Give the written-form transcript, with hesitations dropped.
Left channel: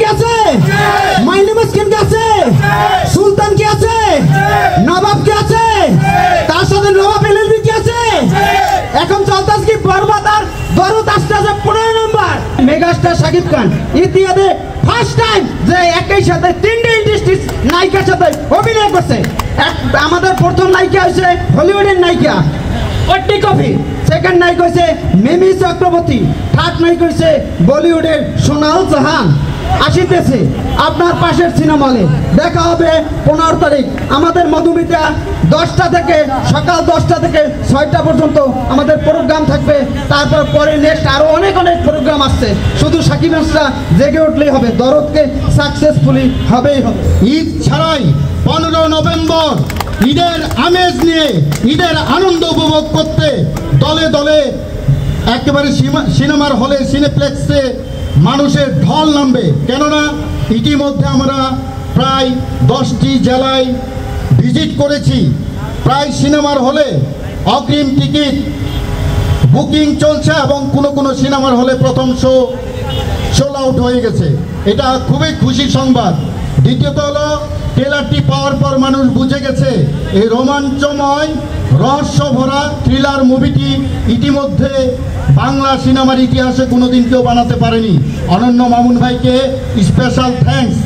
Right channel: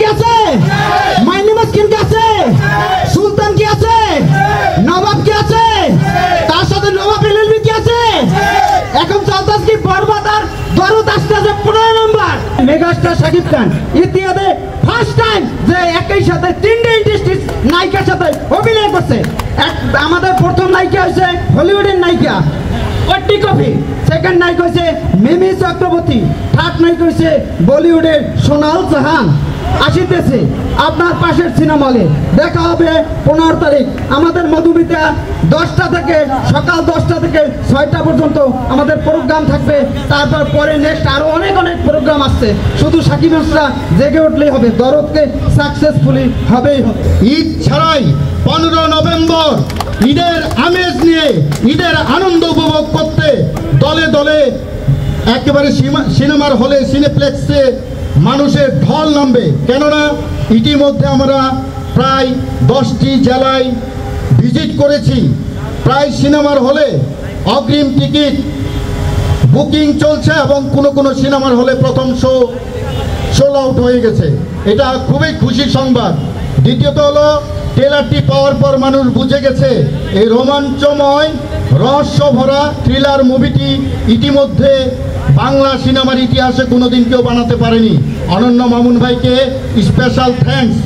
কি আছে? মাইনুমাস কিম কি আছে? সুলতান কি আছে? নবাব কি আছে? তার সাথে নবাব এলএলবি কি আছে? এখন চলতেছে কি বরবাদ আর দরুদ আসতেছে 15 নম্বর। মেগাস্টার শাকিব খান ইতিহাসে ফার্স্ট টাইম যে একই সাথে তিনটে ইন্ডাস্ট্রি নায়িকার সাথে অভিনয় করছে। আমাদের প্রথম নায়িকা হচ্ছে হলিউডের নায়িকা ওটি কফি, সেকেন্ড নায়িকা হচ্ছে মিমি চক্রবর্তী, থার্ড নায়িকা হচ্ছে বলিউডের সোনাল জাহান। আসিতেছে আপনার পাশের সিনেমা হলে। দেখা হবে 15 তারিখ আমাদের মধুমিতা 10টা থেকে সকাল 10টা থেকে 6টা পর্যন্ত আমাদের প্রোগ্রাম থাকবে। তারপর পরে নেক্সট আরো অনেক প্রোগ্রাম আসছে। শুধু সাকিব হাসান জেগে উঠলেই হবে, দরদকে সাকসেসফুলি হবেই হবে। ঈদ ছাড়াই 15 নভেম্বর ঈদের আমেজ নিয়ে ঈদের আনন্দ উপভোগ করতে দলে দলে একেবারে সিনেমার হলে সিনেপ্লেক্সে মানুষের ঢল নামবে। কেননা ইতিমধ্যে আমরা প্রায় 10টি জেলায় ভিজিট করেছি। প্রায় সিনেমার হলে অগ্রিম টিকিট বুকিং চলছে এবং কোনো সিনেমার হলে প্রথম শো সোল্ড আউট হয়ে গেছে। এটা খুবই খুশির সংবাদ। দ্বিতীয়ত হলো ট্রেলারটি পাওয়ার পর মানুষ বুঝে গেছে এই রোমাঞ্চময় রহস্য ভরা থ্রিলার মুভিটি ইতিমধ্যে বাংলা সিনেমার ইতিহাসে কোনোদিন কেউ বানাতে পারেনি। অনন্য মামুন ভাইকে স্পেশাল থ্যাঙ্কস।